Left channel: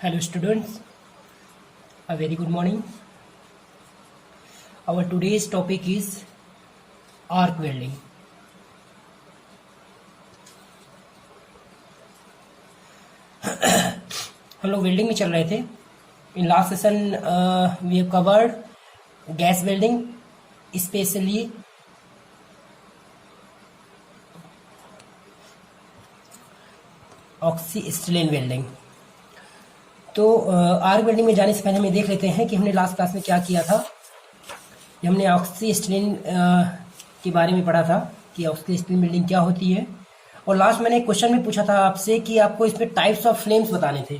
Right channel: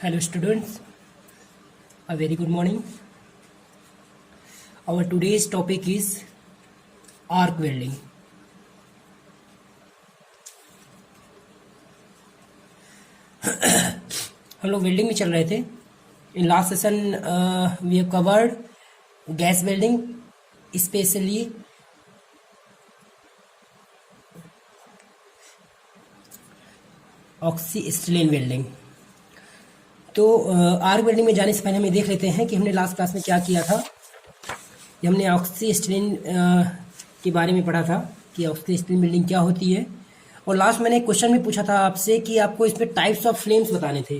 Hello students, a very good morning. Our today's topic is arc welding. हम लोग welding में चल रहे थे. In last session we have covered gas welding, specially oxyacetylene welding. तो arc welding में जाने से पहले हम ये देख लेते हैं कि हमने लास्ट क्लास में क्या किया था. हमने ऑक्सीस्टिलीन के बारे में पढ़ा था कि ऑक्सीस्टिलीन वेल्डिंग क्या होती है. और लास्ट मैंने एक क्वेश्चन भी पूछा था आपसे कि आपको इसमें टाइप्स ऑफ फ्लेम्स बताने थे.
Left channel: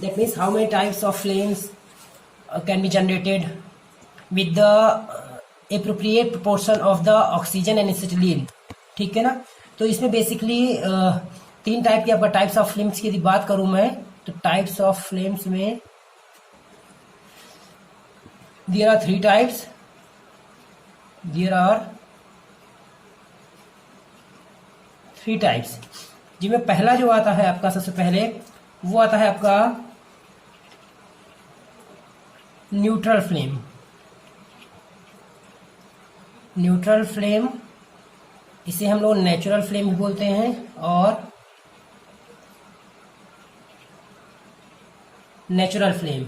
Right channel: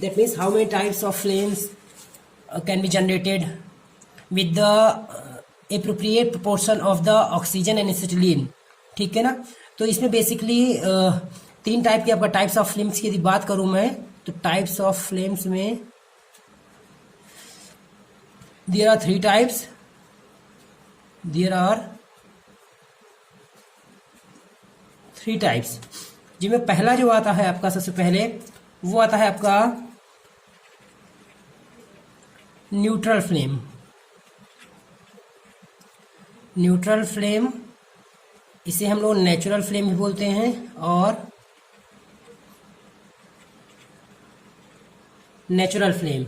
That means how many types of flames can be generated with the appropriate proportion of the oxygen and acetylene. ठीक है ना. तो इसमें बेसिकली 3 टाइप की आपका टाइप्स ऑफ फ्लेम्स की यदि बात करूं मैं, तो टाइप्स ऑफ फ्लेम्स में there are 3 types. There are 3 types, जिसमें पहला जो आता है आपका, सबसे पहले वो आता है आपका न्यूट्रल फ्लेम. न्यूट्रल फ्लेम, इसे हम लोग नेचुरल फ्लेम भी बोलते हैं और नेचुरल फ्लेम.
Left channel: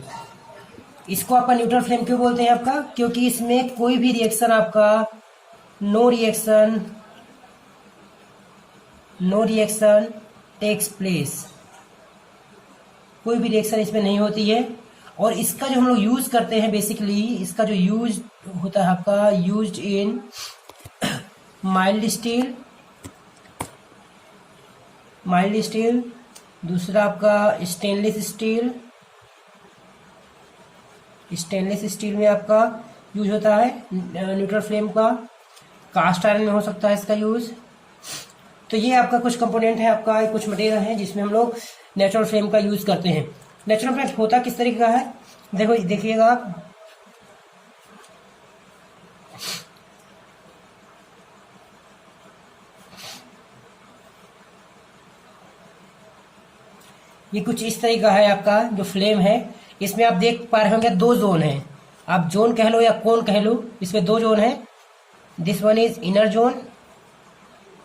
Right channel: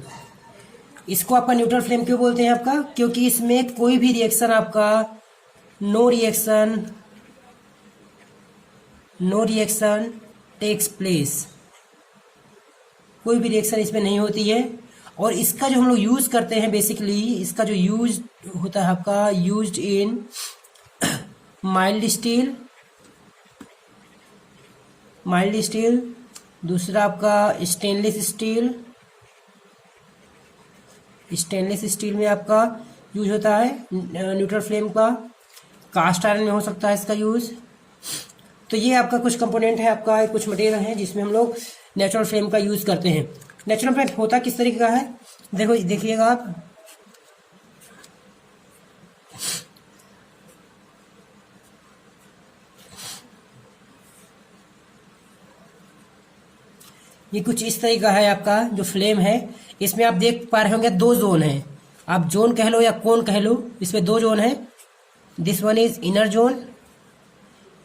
इसको आपका न्यूट्रल फ्लेम क्यों बोलते हैं आपका? क्योंकि इसमें कोई भी रिएक्शन आपका नो रिएक्शन टेक्स प्लेस. कोई भी रिएक्शन इसमें नहीं होती है. और इसका जो हम लोग यूज करते हैं, बेसिकली इसका जो यूज होता है आपका, यूज्ड इन माइल्ड स्टील, दूसरा आपका स्टेनलेस स्टील में आपका यूज होता है न्यूट्रल फ्लेम का. कास्ट आयरन में हो सकता है इसका यूज. तो ये आपका कुछ कंपोनेंट है, आपका कुछ मटेरियल है जिसमें हम लोग नेचुरल फ्लेम का यूज करते हैं. नेचुरल फ्लेम होता किस तरीके का है, देखिएगा आप. ये कुछ इस तरीके का है आपका जो फ्लेम है. इसमें आप देख पा रहे होंगे 2 जोन है. आप जोन कह लो या कोन कह लो, इसमें 2 जोन है. This one is inner zone,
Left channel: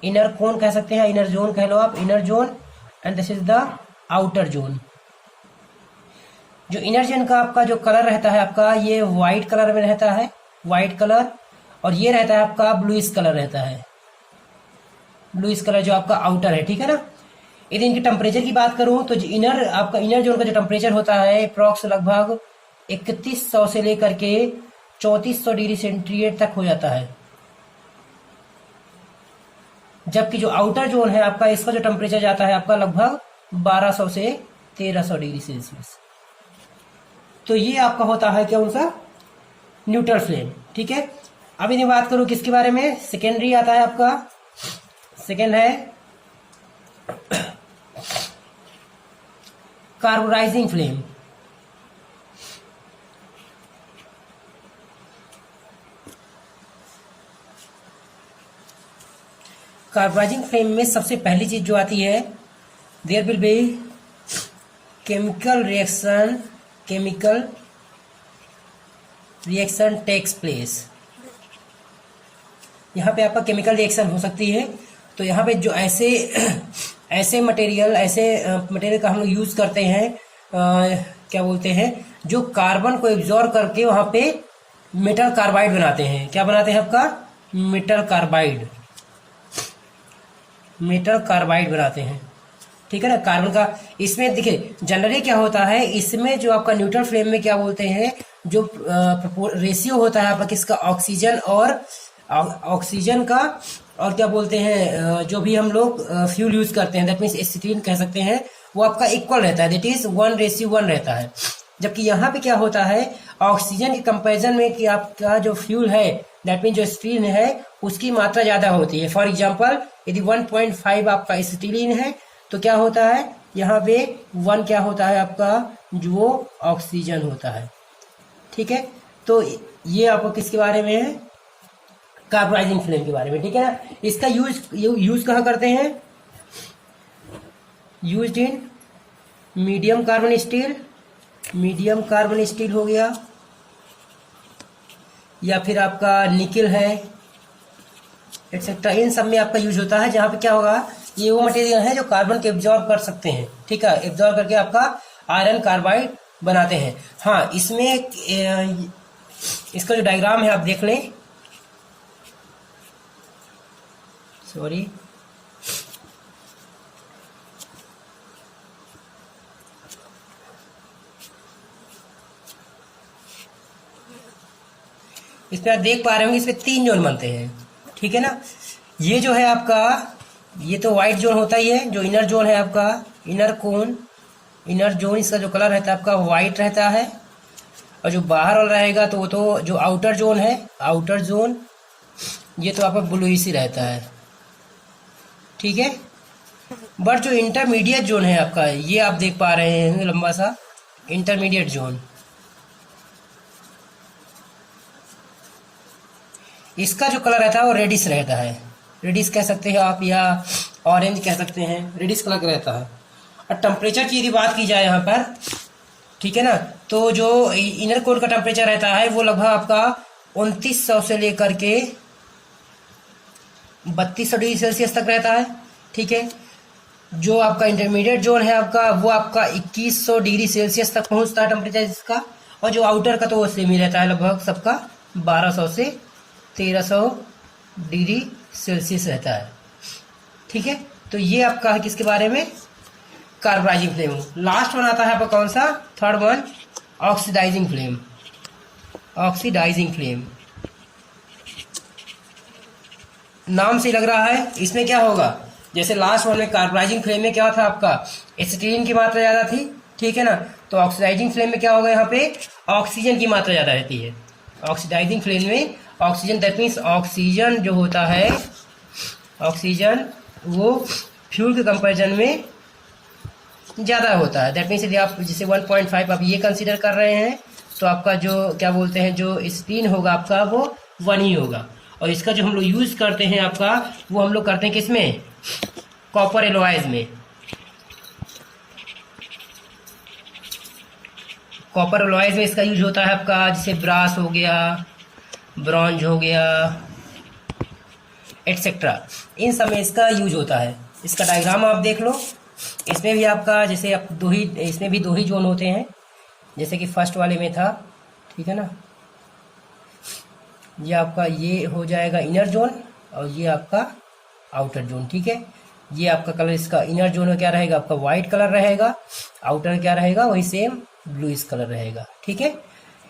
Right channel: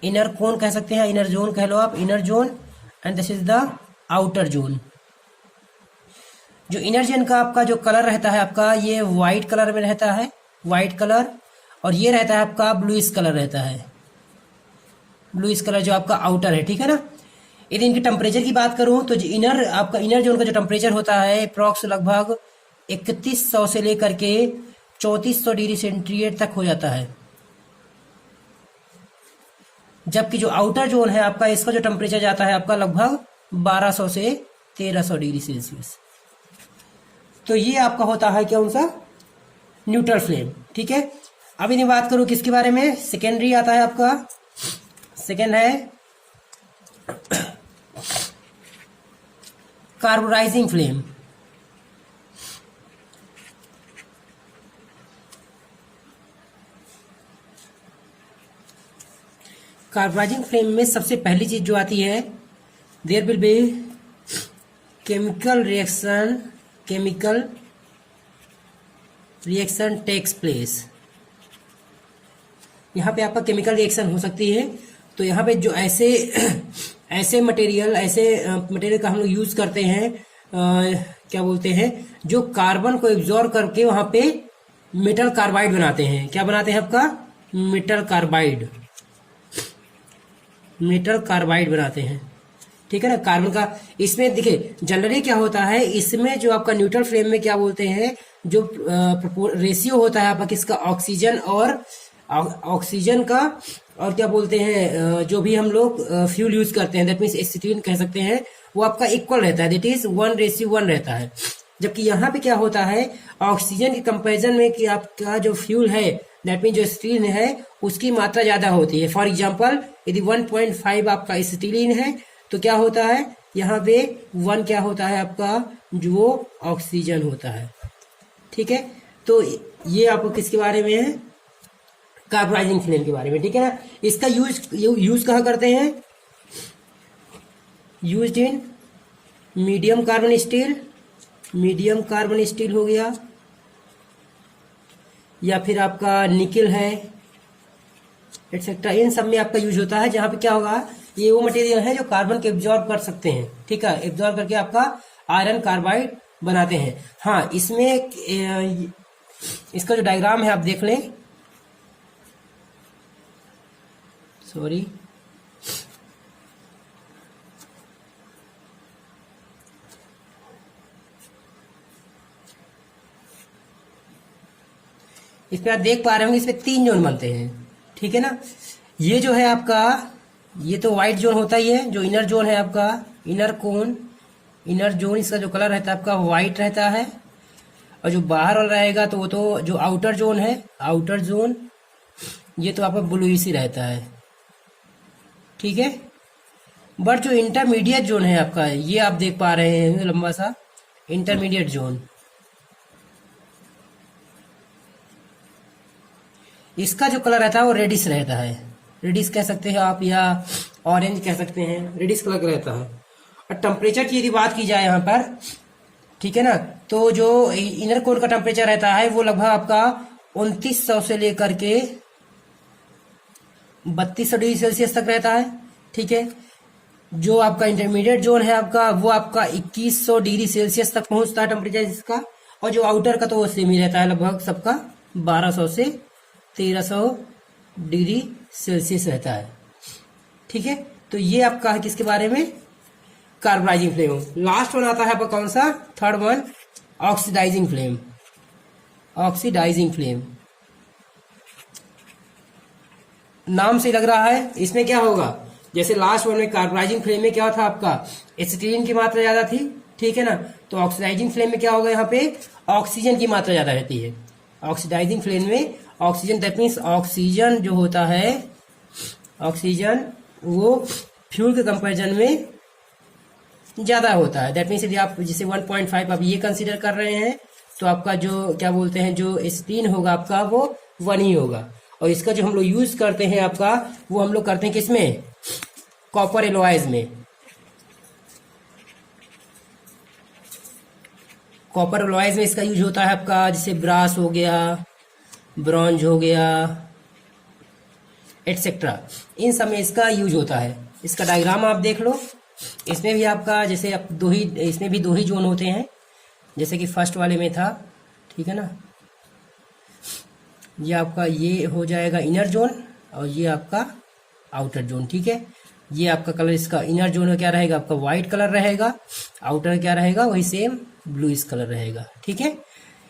inner cone कह सकते हैं, इनर जोन कह लो आप, inner zone. And this is the outer zone. जो इनर जोन का आपका जो कलर रहता है आपका, ये व्हाइट कलर में रहता है, व्हाइट कलर. और ये रहता है आपका ब्लूइश कलर रहता है, ब्लूइश कलर जो आपका आउटर है. ठीक है ना. यदि इनके टेम्परेचर की बात करूं तो जो इनर जोन का जो टेम्परेचर होता है अप्रॉक्स लगभग 3100 से लेकर के 3400 डिग्री सेंटीग्रेड तक हो जाता है. जबकि जो आउटर जोन है आपका, इसका जो टेम्परेचर जाता है आपका लगभग 1200 से 1300 डिग्री सेल्सियस. तो ये आपका होता है क्या, उनका न्यूट्रल फ्लेम. ठीक है. अब यदि बात करूं किसके बारे में, सेकेंडरी आता है आपका. सेकेंड है कार्बोनाइजिंग फ्लेम. कार्बोनाइजिंग फ्लेम में सबसे पहली चीज जो आती है, there will be chemical reaction takes place. यहां पे आपका केमिकल रिएक्शन हो सकती है. तो यहाँ पे जो ऐसे मटेरियल का हम लोग यूज करते हैं, क्या बोलते हैं, जो कार्बन को एब्जॉर्ब करके वहां पे मेटल कार्बाइड बनाते हैं. क्या बनाते हैं आपका? मेटल कार्बाइड बनाते हैं. ठीक है ना. कार्बन का इसमें देखिए जनरली क्या होता है, इसमें जो आपका न्यूट्रल फ्लेम में क्या बोलते हैं, जो रेशियो होता है आपका किसका, ऑक्सीजन का, और क्या बोलते हैं, जो भी हम लोग फ्यूल यूज करते हैं, दैट मीन्स एसिटिलीन कह सकते हैं, वो आपका इक्वल रहता है. दैट इज 1:1 रहता है. जबकि यहाँ पे क्या होता है, ऑक्सीजन के कंपैरिजन में कि आपका जो फ्यूल है, दैट मीन्स जो एसिटिलीन है, उसकी मात्रा ज्यादा होती है. फॉर एग्जाम्पल यदि 1.5 आपका एसिटिलीन है तो क्या होता है, यहाँ पे 1 क्या होता है आपका, जो ऑक्सीजन होता है. ठीक है. तो ये आपको किसके बारे में है, कार्बोनाइजिंग फ्लेम के बारे में. ठीक है ना. इसका यूज कहाँ करते हैं, used in medium carbon steel हो गया, या फिर आपका निकेल है, एक्सेट्रा। इन सब में आपका यूज होता है, जहां पे क्या होगा, ये वो मटेरियल है जो कार्बन को एब्जॉर्ब कर सकते हैं, ठीक है, एब्जॉर्ब करके आपका आयरन कार्बाइड बनाते हैं। हाँ, इसमें इसका जो डायग्राम है आप देख लें, सॉरी, इसमें आप देख पा रहे होंगे, इसमें 3 जोन बनते हैं, ठीक है ना। ये जो है आपका, ये तो व्हाइट जोन होता ही है, जो इनर जोन है आपका, इनर कोन, इनर जोन, इसका जो कलर रहता है आपका व्हाइट रहता है। और जो बाहर वाला रहेगा तो वो तो जो आउटर जोन है, आउटर जोन, ये तो आपका ब्लूइश ही रहता है, ठीक है। बट जो इंटरमीडिएट जोन है आपका, ये आप देख पा रहे हैं लंबा सा इंटरमीडिएट जोन, इसका जो कलर रहता है वो रेडिश रहता है, रेडिश कह सकते हैं आप, या ऑरेंज कह सकते हैं, रेडिश कलर का रहता है। और टेम्परेचर की यदि बात की जाए यहाँ पर, ठीक है ना, तो जो इनर कोर का टेम्परेचर रहता है वो लगभग आपका 2900 से लेकर के 3200 डिग्री सेल्सियस तक रहता है, ठीक है। जो आपका इंटरमीडिएट जोन है आपका, वो आपका 2100 डिग्री सेल्सियस तक पहुंचता है टेम्परेचर इसका। और जो आउटर का तो वो सेम ही रहता है, लगभग सबका 1200 से 1300 डिग्री सेल्सियस रहता है, ठीक है। तो ये आपका है किसके बारे में, कार्बोनाइजिंग फ्लेम। लास्ट वन आता है आपका कौन सा, third one, oxidising flame. Oxidising flame नाम से लग रहा है, इसमें क्या होगा, जैसे लास्ट वन में कार्बोनाइजिंग फ्लेम में क्या था आपका, एसिटिलीन की मात्रा ज्यादा थी, ठीक है ना। तो ऑक्सीडाइजिंग फ्लेम में क्या होगा, यहाँ पे ऑक्सीजन की मात्रा ज्यादा रहती है। ऑक्सीडाइजिंग फ्लेम में ऑक्सीजन, दैट मीन्स ऑक्सीजन जो होता है, ऑक्सीजन वो फ्यूल के कंपैरिजन में ज्यादा होता है। दैट मीन्स यदि आप जैसे 1.5 आप ये कंसीडर कर रहे हैं, तो आपका जो क्या बोलते हैं, जो स्पिन होगा आपका वो 1 ही होगा। और इसका जो हम लोग यूज करते हैं आपका, वो हम लोग करते हैं किसमें, कॉपर एलॉयज में। कॉपर एलॉयज में इसका यूज होता है आपका, जैसे ब्रास हो गया, ब्रॉन्ज हो गया, एटसेट्रा, इन सब में इसका यूज होता है। इसका डायग्राम आप देख लो, इसमें भी आपका जैसे आप इसमें भी 2 ही जोन होते हैं, जैसे कि फर्स्ट वाले में था, ठीक है ना। ये आपका ये हो जाएगा इनर जोन, और ये आपका आउटर जोन, ठीक है। ये आपका कलर, इसका इनर जोन में क्या रहेगा आपका व्हाइट कलर रहेगा, आउटर क्या रहेगा वही सेम ब्लूइश कलर रहेगा, ठीक है।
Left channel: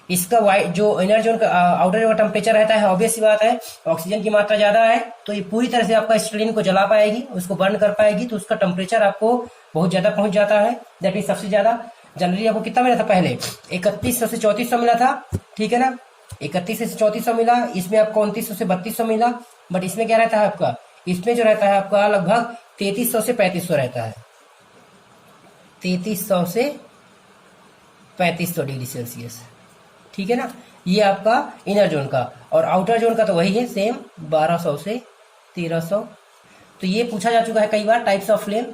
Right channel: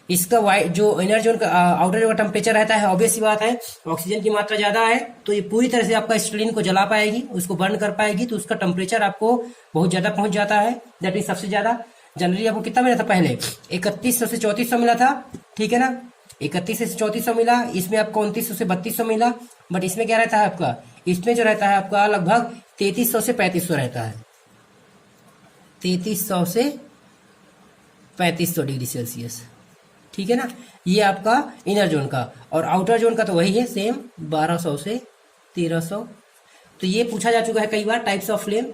इसका वाइट जो इनर जोन का आउटर जोन का टेम्परेचर रहता है, ऑब्वियस सी बात है, ऑक्सीजन की मात्रा ज्यादा है तो ये पूरी तरह से आपका स्टीलिन को जला पाएगी, उसको बर्न कर पाएगी, तो उसका टेम्परेचर आपको बहुत ज्यादा पहुंच जाता है। दैट इज सबसे ज्यादा। जनरली आपको कितना मिला था पहले, 3100 से 3400 मिला था, ठीक है ना, 31 से 3400 मिला, इसमें आपको 2900 से 3200 मिला। बट इसमें क्या रहता है आपका, इसमें जो रहता है आपका लगभग 3300 से 3500 रहता है, 3300 से 3500 डिग्री सेल्सियस, ठीक है ना। ये आपका इनर जोन का, और आउटर जोन का तो वही है सेम, 1200 से 1300। तो ये पूछा जा चुका है कई बार, टाइप्स ऑफ फ्लेम।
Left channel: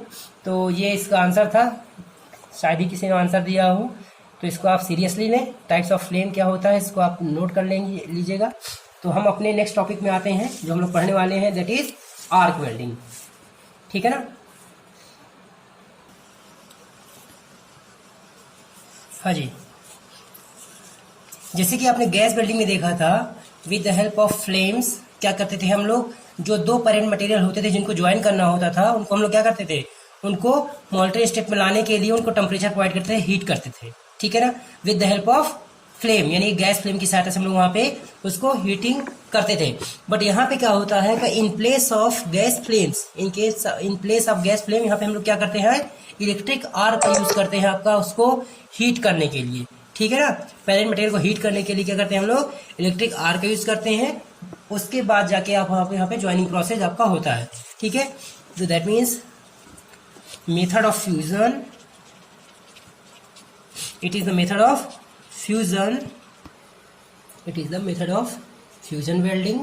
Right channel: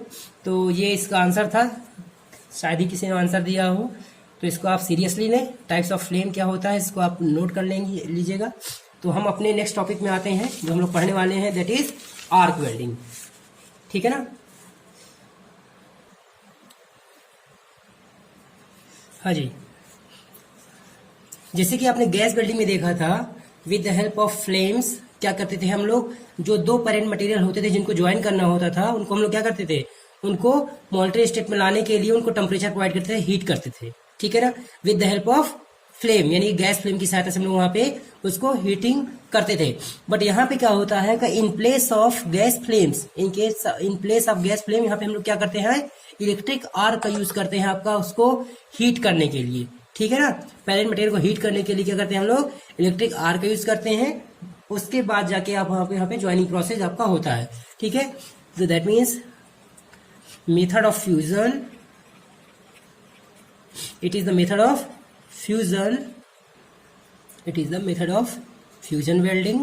तो ये इसका आंसर था, शायद ही किसी ने आंसर दिया हो, तो इसको आप सीरियसली लें। टाइप्स ऑफ फ्लेम क्या होता है इसको आप नोट कर लीजिएगा। तो हम अपने नेक्स्ट टॉपिक में आते हैं, जो हम लोग पढ़ने वाले हैं, दैट इज आर्क वेल्डिंग, ठीक है ना। हाँ जी, जैसे कि आपने गैस वेल्डिंग में देखा था, with the help of flames क्या करते थे हम लोग, जो 2 पेरेंट मटेरियल होते थे जिनको ज्वाइन करना होता था, उनको हम लोग क्या करते थे, उनको मोल्टन स्टेट में लाने के लिए उनको टेम्परेचर प्रोवाइड करते थे, हीट करते थे, ठीक है ना, with the help of flame, यानी गैस फ्लेम की सहायता से हम लोग वहां पे उसको हीटिंग करते थे। बट यहाँ पे क्या होता है कि in place of gas flames, in place of gas flame, यहाँ पे हम लोग क्या करते हैं, इलेक्ट्रिक आर्क का यूज करते हैं आपका उसको हीट करने के लिए, ठीक है ना। पेरेंट मटेरियल को हीट करने के लिए क्या करते हैं हम लोग, इलेक्ट्रिक आर्क का यूज करते हैं। उसके बाद जाके आप यहाँ पे ज्वाइनिंग प्रोसेस आपका होता है, ठीक है। तो that means method of fusion, it is the method of fusion, it is the method of fusion welding,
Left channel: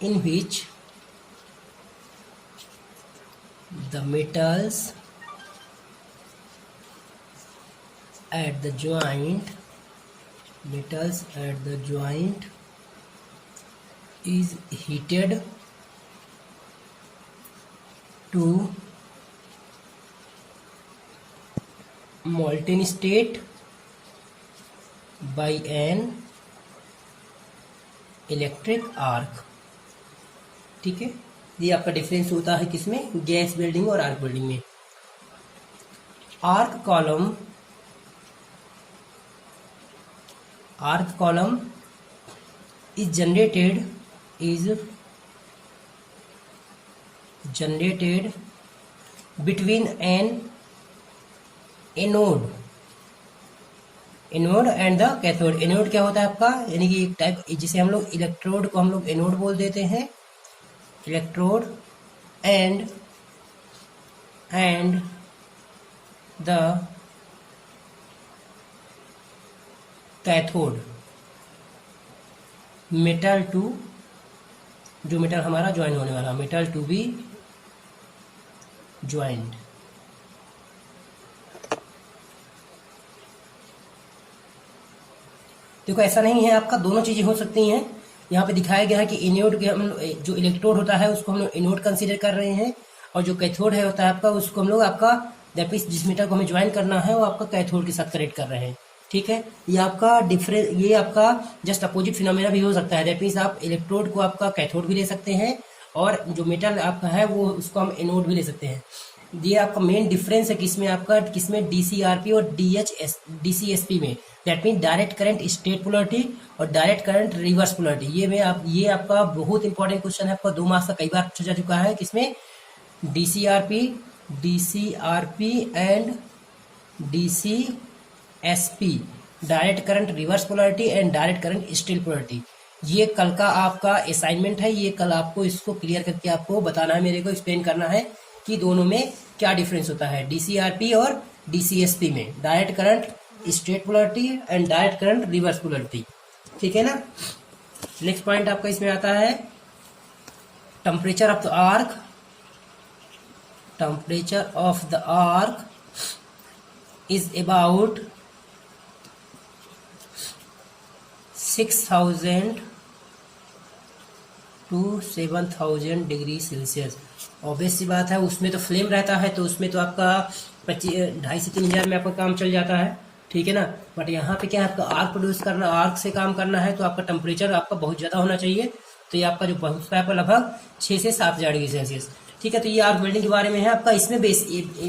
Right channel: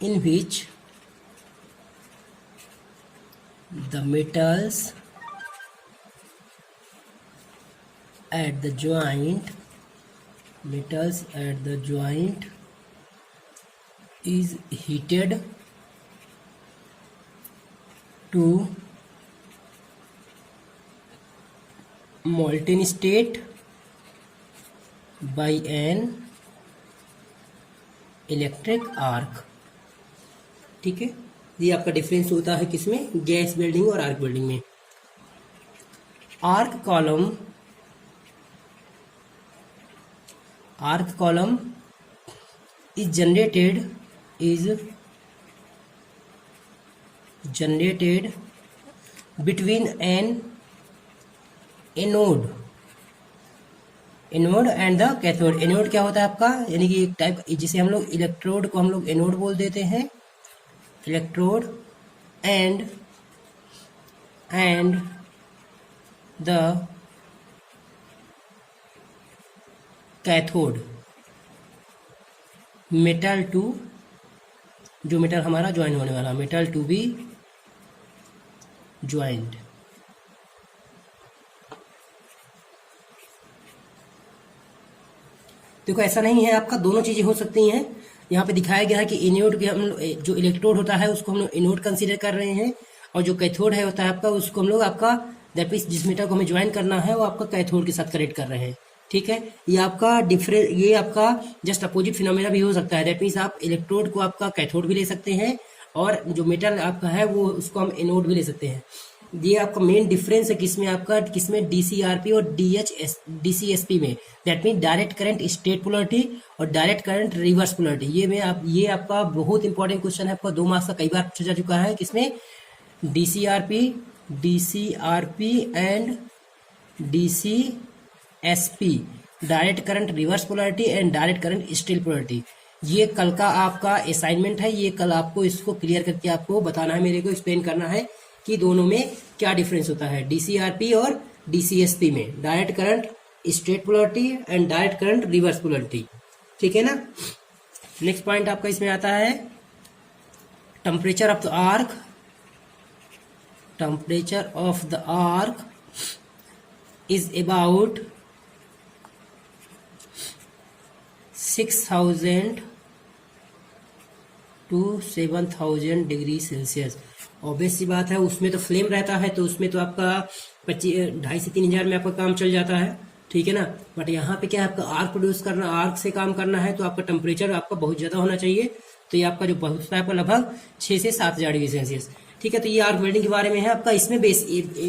in which the metals at the joint is heated to molten state by an electric arc. ठीक है, ये आपका difference होता है किसमें, gas welding और arc welding में। Arc column is generated between an anode and the cathode. Anode क्या होता है आपका, यानी कि एक टाइप जिसे हम लोग इलेक्ट्रोड को हम लोग एनोड बोल देते हैं, electrode and the cathode metal to, जो मेटल हमारा ज्वाइन होने वाला, मेटल टू बी ज्वाइंट। देखो ऐसा नहीं है, आपका दोनों चीजें हो सकती हैं। यहाँ पे दिखाया गया है कि एनोड के हम जो इलेक्ट्रोड होता है उसको हम लोग एनोड कंसीडर कर रहे हैं, और जो कैथोड है होता है आपका उसको हम लोग आपका दैट मीन्स जिस मेटल को हमें ज्वाइन करना है वो आपका कैथोड के साथ कनेक्ट कर रहे हैं। ठीक है, ये आपका डिफरेंट, ये आपका जस्ट अपोजिट फिनोमेना भी हो सकता है। दैट मीन्स आप इलेक्ट्रोड को आपका कैथोड भी ले सकते हैं और जो मेटल आपका है वो उसको हम एनोड भी ले सकते हैं। ये आपका मेन डिफरेंस है किसमें, आपका किसमें, डीसीआरपी और डीसीएसपी में। That mean direct current state polarity और डायरेक्ट करंट रिवर्स पोलरिटी। ये आपका बहुत इंपॉर्टेंट क्वेश्चन है, आपका 2 मार्क्स का कई बार पूछा जा चुका है। किसमें, DCRP and DCSP, direct current reverse polarity and direct current state polarity. ये कल का आपका असाइनमेंट है, ये कल आपको इसको क्लियर करके आपको बताना है, मेरे को एक्सप्लेन करना है कि दोनों में क्या डिफरेंस होता है, डीसीआरपी और डीसीएसपी में, direct current straight polarity and direct current reverse polarity. ठीक है ना। नेक्स्ट पॉइंट आपका इसमें आता है temperature of the arc. Temperature of the arc is about 6000 to 7000 degree Celsius. Obvious सी बात है, उसमें तो फ्लेम रहता है तो उसमें तो आपका 2.5 से 3 हज़ार में आपका काम चल जाता है। ठीक है ना, बट यहाँ पे क्या है, आपका आर्क प्रोड्यूस करना, आर्क से काम करना है तो आपका टेम्परेचर आपका बहुत ज्यादा होना चाहिए। तो ये आपका जो बहुत है आपका लगभग 6 से 7000 डिग्री सेल्सियस। ठीक है, तो ये आर्क वेल्डिंग के बारे में है आपका। इसमें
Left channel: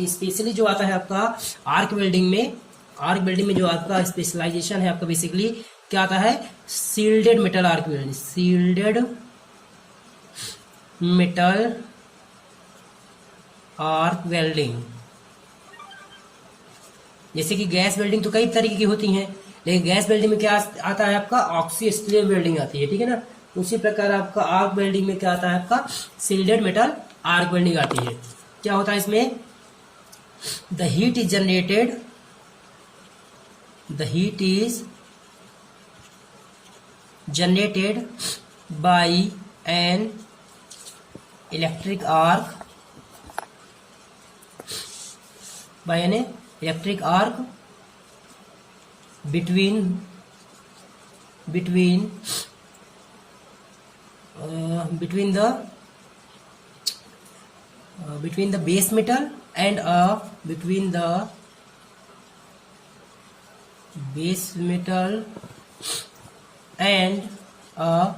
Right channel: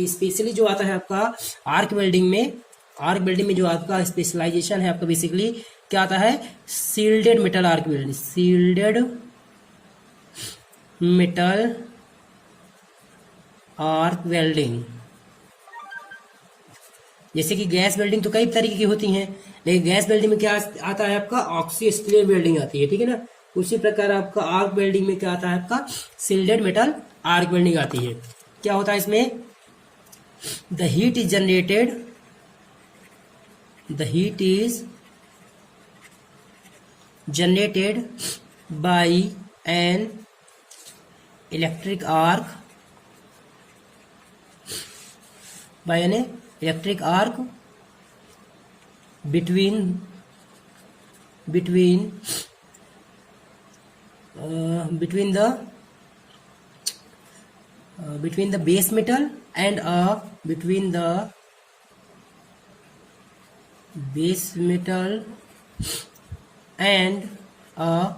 स्पेशली जो आता है आपका आर्क वेल्डिंग में जो आपका स्पेशलाइजेशन है आपका बेसिकली क्या आता है, shielded metal arc welding, shielded metal arc welding. जैसे कि गैस वेल्डिंग तो कई तरीके की होती हैं, लेकिन गैस वेल्डिंग में क्या आता है आपका, ऑक्सीस्टील वेल्डिंग आती है। ठीक है ना, उसी प्रकार आपका आर्क वेल्डिंग में क्या आता है आपका, सील्डेड मेटल आर्क वेल्डिंग आती है। क्या होता है इसमें, the heat is generated by an electric arc between the base metal and a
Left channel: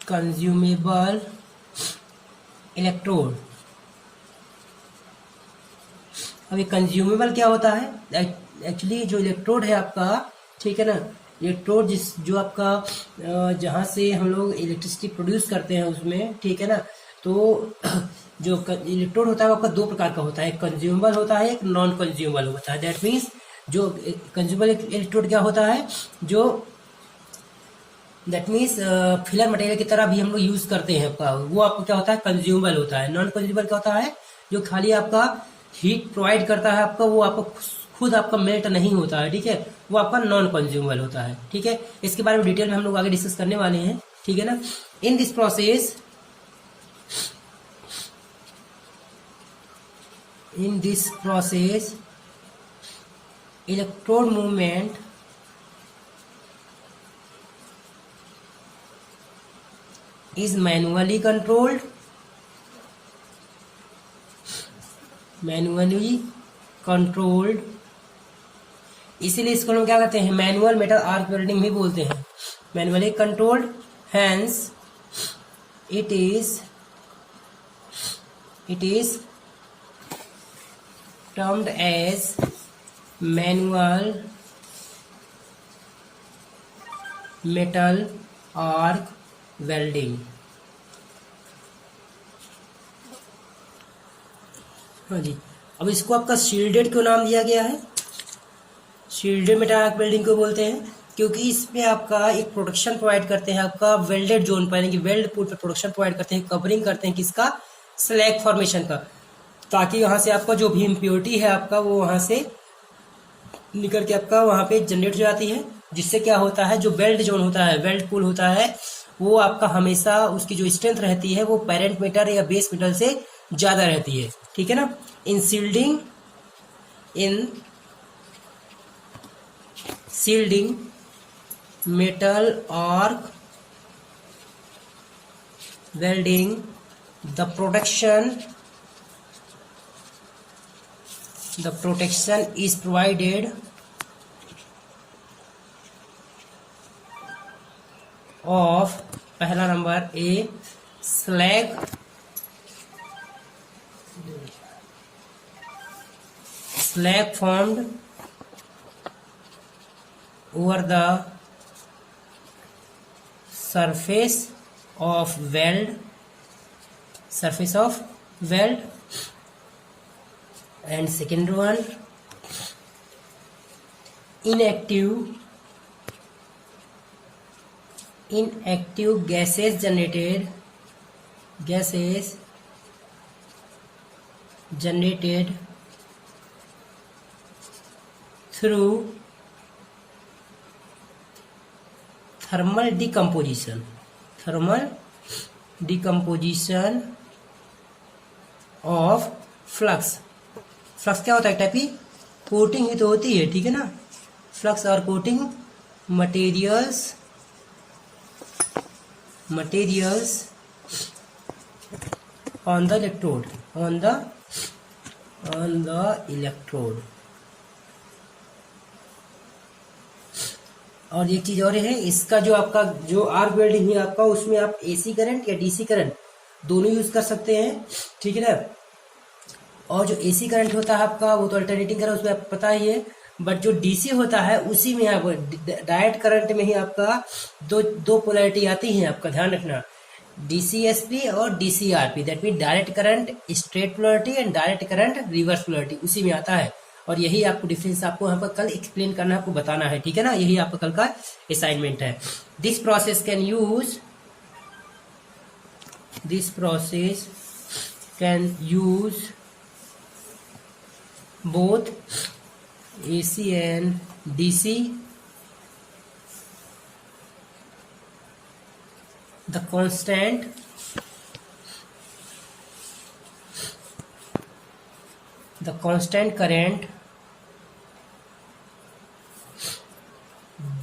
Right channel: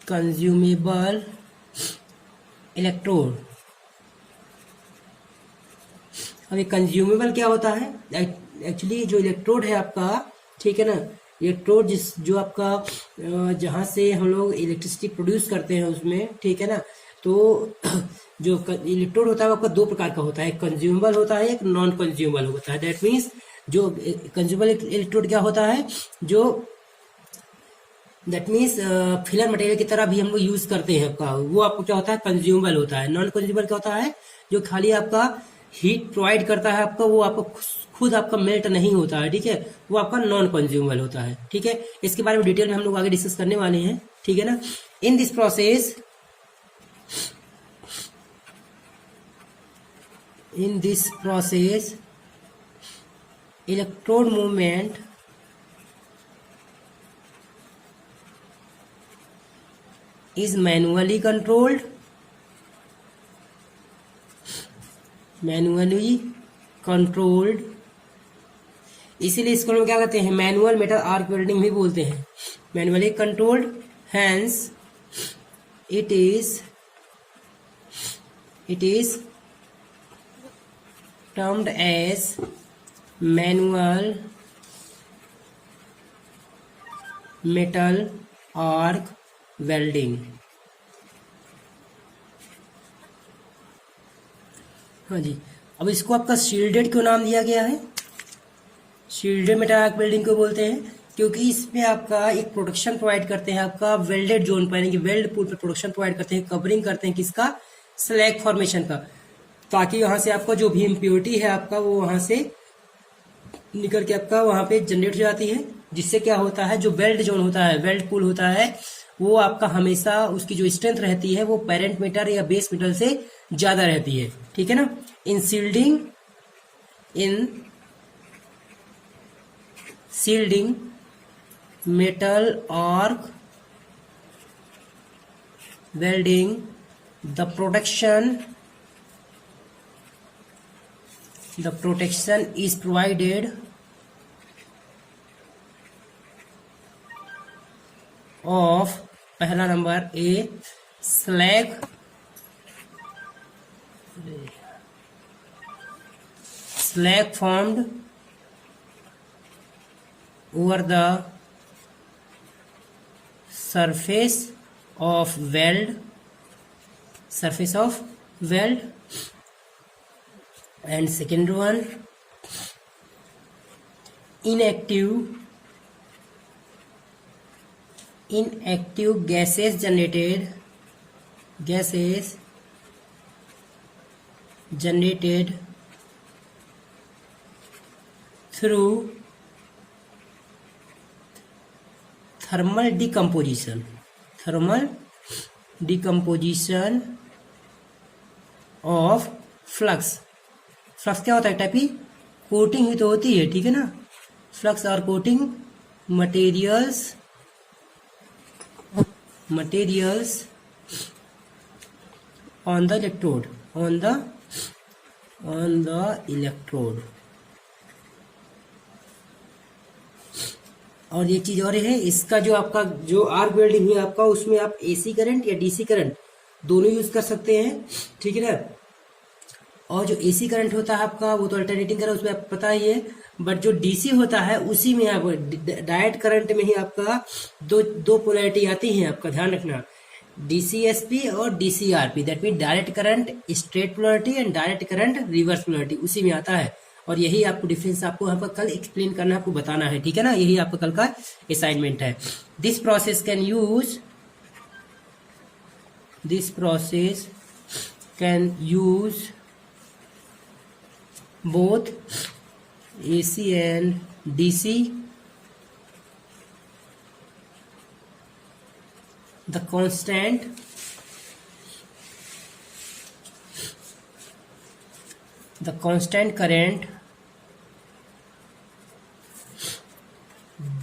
consumable electrode। अब ये कंज्यूमेबल क्या होता है, एक्चुअली जो इलेक्ट्रोड है आपका, ठीक है ना, इलेक्ट्रोड जो आपका जहां से हम लोग इलेक्ट्रिसिटी प्रोड्यूस करते हैं उसमें, ठीक है ना, तो जो इलेक्ट्रोड होता है वो आपका 2 प्रकार का होता है, एक कंज्यूमेबल होता है, एक नॉन कंज्यूमेबल होता है। दैट मीन्स जो कंज्यूमेबल इलेक्ट्रोड क्या होता है, जो दैट मीन्स फिलर मटेरियल की तरह भी हम लोग यूज करते हैं आपका, वो आपको क्या होता है, कंज्यूमेबल होता है। नॉन कंज्यूमेबल क्या होता है, जो खाली आपका हीट प्रोवाइड करता है आपका, वो आपको खुद आपका मेल्ट नहीं होता है। ठीक है, वो आपका नॉन कंज्यूमेबल होता है। ठीक है, इसके बारे में डिटेल में हम लोग आगे डिस्कस करने वाले हैं। ठीक है ना। In this process In this process, electrode movement is manually controlled. इसीलिए इसको हम क्या कहते हैं, मैनुअल मेटल आर्क वेल्डिंग भी बोलते हैं, manually controlled. Hence it is termed as manual metal arc welding. हाँ जी. अब इसको आपका शील्डेड क्यों नाम दिया गया है? शील्डेड मेटल आर्क वेल्डिंग को बोलते हैं क्योंकि इसमें आपका एक प्रोटेक्शन प्रोवाइड करते हैं, आपका वेल्डेड जोन पर यानी कि वेल्ड पुल पे प्रोटेक्शन प्रोवाइड करते हैं, कवरिंग करते हैं किसका, स्लैग फॉर्मेशन का, ताकि यहाँ से आपका जो भी इम्प्योरिटी है आपका वो वहाँ से निकल के आपका वहाँ पे जनरेट हो जाती है, जिससे क्या होता है, जो वेल्ड जोन होता है, वेल्ड पुल होता है, वो आपका हमेशा उसकी जो स्ट्रेंथ रहती है वो पेरेंट मेटल या बेस मेटल से ज्यादा रहती है. ठीक है ना. In shielding metal arc welding, the protection is provided of पहला नंबर a slag formed over the surface of weld, and second one, inactive gases generated through thermal decomposition of flux क्या होता है, टाइप की कोटिंग ही तो होती है. ठीक है ना. Flux are coating materials on the electrode. और एक चीज और है, इसका जो आपका जो आर्क वेल्डिंग है आपका, उसमें आप एसी करंट या डीसी करंट दोनों यूज कर सकते हैं. ठीक है ना. और जो एसी करंट होता है आपका वो तो अल्टरनेटिंग करंट, उसमें आपको पता ही है. बट जो डीसी होता है उसी में आप डायरेक्ट करंट में ही आपका दो पोलैरिटी आती है. आपका ध्यान रखना, डीसीएसपी और DCRP, that mean direct current straight polarity and direct current reverse polarity, उसी में आता है. और यही आपको डिफरेंस आपको यहाँ पर कल एक्सप्लेन करना, आपको बताना है. ठीक है ना. यही आपका कल का असाइनमेंट है. This process can use both AC and DC. The constant current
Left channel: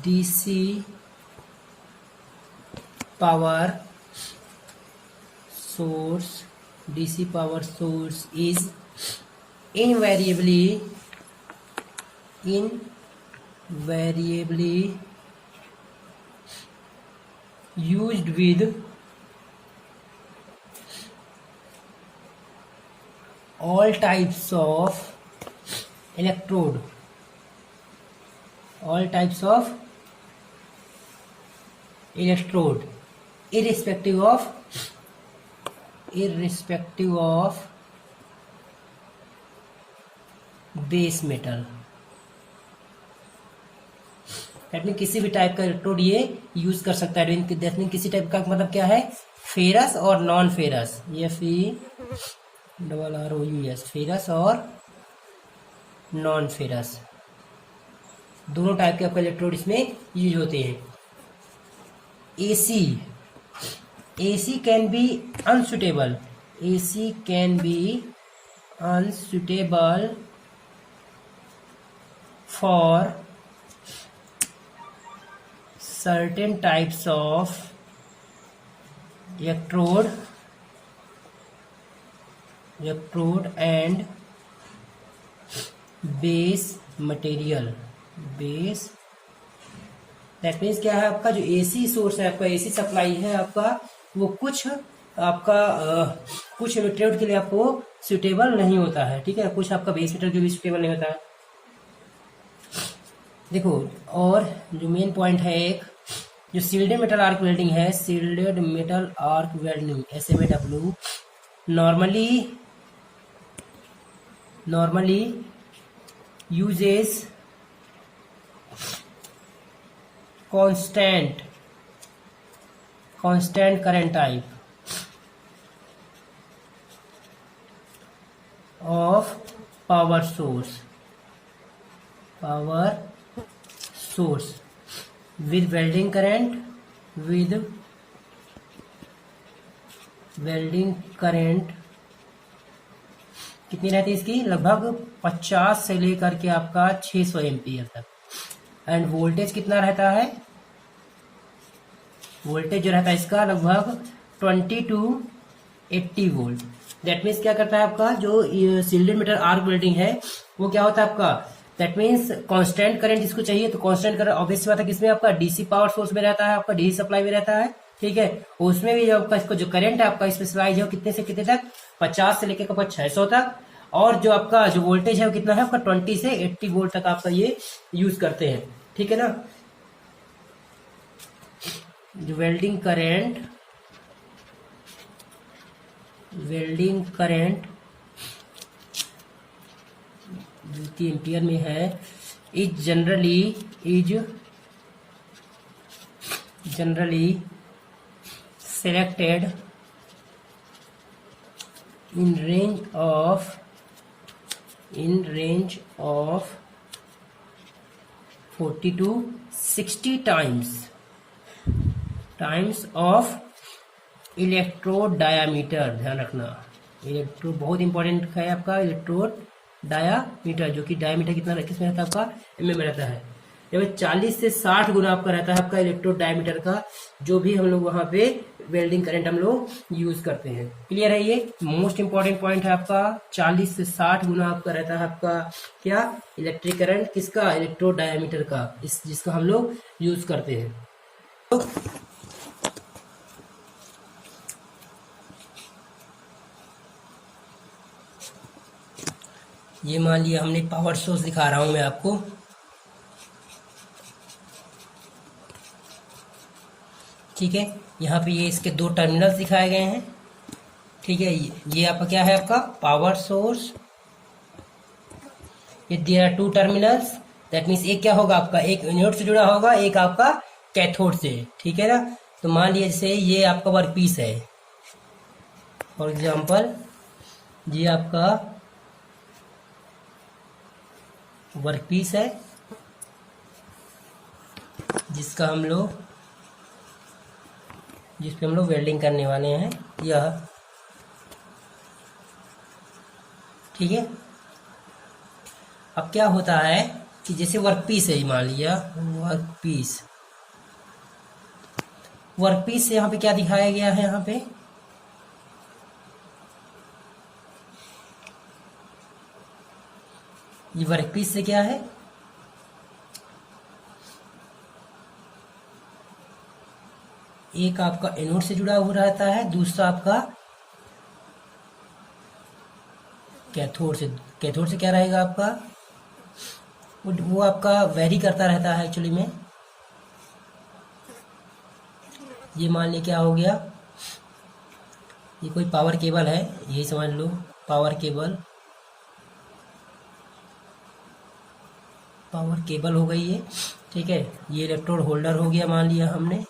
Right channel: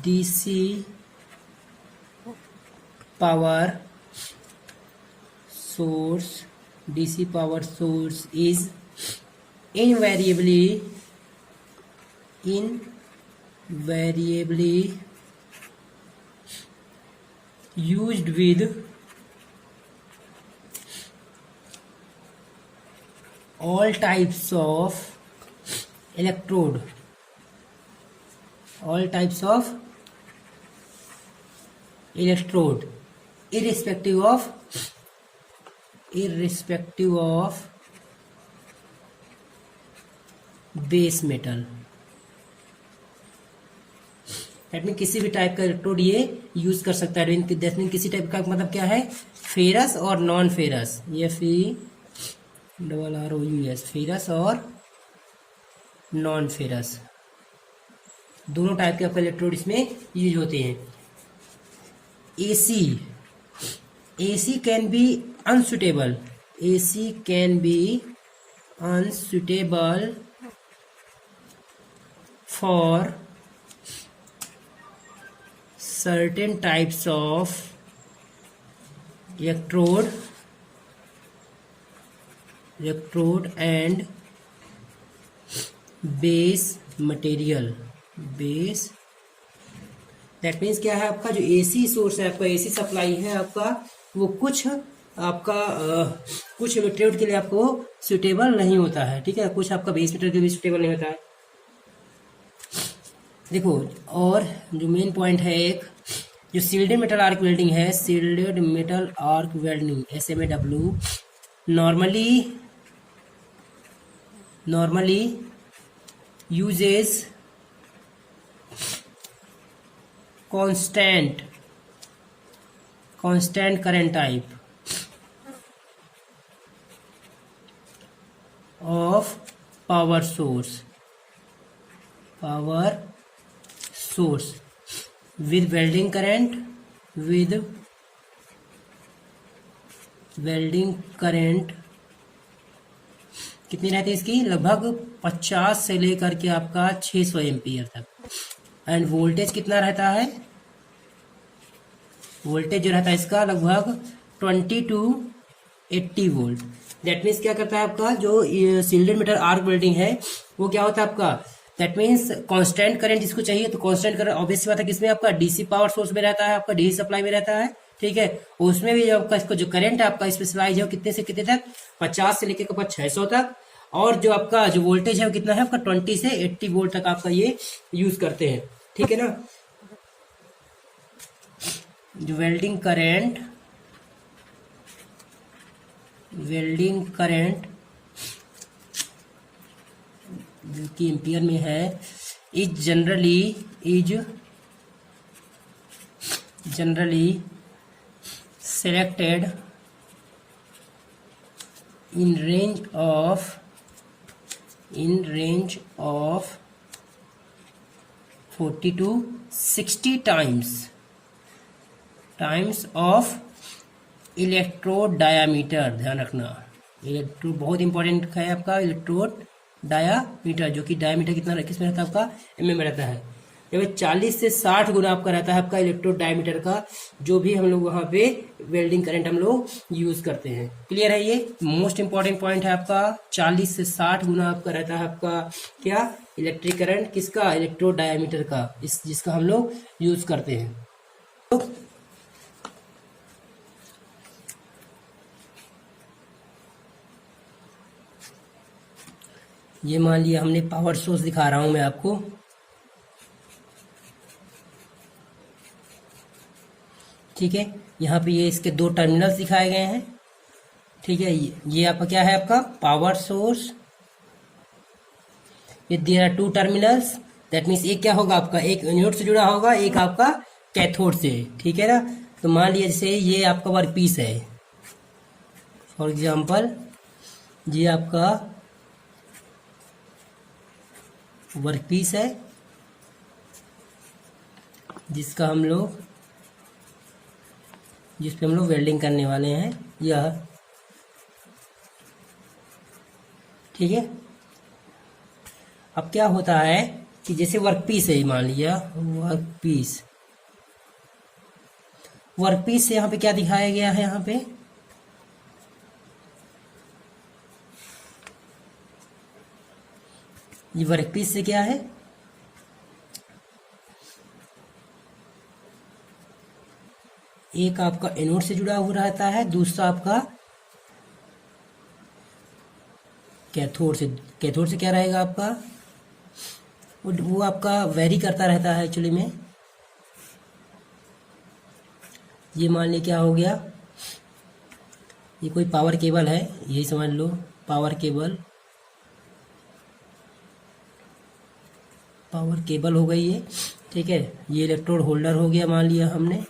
DC power source is invariably used with all types of electrode, irrespective of base metal. That mean किसी भी टाइप का इलेक्ट्रोड ये use कर सकता है. That mean किसी type का मतलब क्या है, फेरस और नॉन फेरस, FERROUS, फेरस और नॉन फेरस, दोनों टाइप के आपका इलेक्ट्रोड इसमें यूज होते हैं. AC can be unsuitable, AC can be unsuitable for certain types of electrode and base material. base that means क्या है, आपका जो एसी सोर्स है, आपका एसी सप्लाई है आपका, वो कुछ आपका कुछ मेटेरियल के लिए आपको सुटेबल नहीं होता है, ठीक है, कुछ आपका बेस मेटेरियल के लिए सुटेबल नहीं होता है। देखो, और जो मेन पॉइंट है एक, जो सील्डेड मेटल आर्क वेल्डिंग है, shielded metal arc welding SMAW normally uses constant current type of power source with welding current कितनी रहती है इसकी, लगभग 50 से लेकर के आपका 600 एम्पियर तक। एंड वोल्टेज कितना रहता है, वोल्टेज जो रहता है इसका लगभग 20 to 80 वोल्ट। दैट मीन्स क्या करता है आपका जो सील्डेड मेटल आर्क वेल्डिंग है, वो क्या होता है आपका, दैट मीन्स कांस्टेंट करंट जिसको चाहिए, तो कांस्टेंट करंट ऑब्वियस बात है किसमें, आपका डीसी पावर सोर्स में रहता है, आपका डीसी सप्लाई में रहता है, ठीक है। उसमें भी जो आपका इसको जो करंट है आपका स्पेसिफाइज है कितने से कितने तक, 50 से लेकर 600 तक। और जो आपका जो वोल्टेज है वो कितना है आपका 20 से 80 वोल्ट तक आपका ये यूज करते हैं, ठीक है ना। जो वेल्डिंग करंट जो कि एम्पियर में है, is generally selected in range of 40 to 60 times of electrode diameter. ध्यान रखना, इलेक्ट्रोड बहुत इंपॉर्टेंट है आपका, इलेक्ट्रोड डायामीटर, जो कि डायामीटर कितना किसमें रहता है आपका, mm में रहता है। ये 40 से 60 गुना आपका रहता है आपका इलेक्ट्रोड डायमीटर का, जो भी हम लोग वहां पे वेल्डिंग करंट हम लोग यूज करते हैं। क्लियर है, ये मोस्ट इंपॉर्टेंट पॉइंट है आपका। 40 से 60 गुना आपका रहता है आपका क्या, इलेक्ट्रिक करंट किसका, इलेक्ट्रोड डायमीटर का, जिसका हम लोग यूज करते हैं। तो ये मान लिया हमने पावर सोर्स, दिखा रहा हूं मैं आपको, ठीक है। यहाँ पे ये इसके 2 टर्मिनल्स दिखाए गए हैं, ठीक है। ये आपका क्या है, आपका पावर सोर्स, ये there are 2 terminals, that means एक क्या होगा आपका, एक एनोड से जुड़ा होगा, एक आपका कैथोड से, ठीक है ना। तो मान लिया जैसे ये आपका वर्क पीस है, फॉर एग्जाम्पल ये आपका वर्क पीस है, जिस पे हम लोग वेल्डिंग करने वाले हैं, यह, ठीक है। अब क्या होता है कि जैसे वर्क पीस है, मान लिया वर्क पीस से यहाँ पे क्या दिखाया गया है, यहाँ पे ये वर्क पीस से क्या है, एक आपका एनोड से जुड़ा हुआ रहता है, दूसरा आपका कैथोड से क्या रहेगा आपका, वो आपका वेरी करता रहता है एक्चुअली में। ये मान ली क्या हो गया, ये कोई पावर केबल है, यही समझ लो पावर केबल हो गई है, ठीक है। ये इलेक्ट्रोड होल्डर हो गया मान लिया हमने,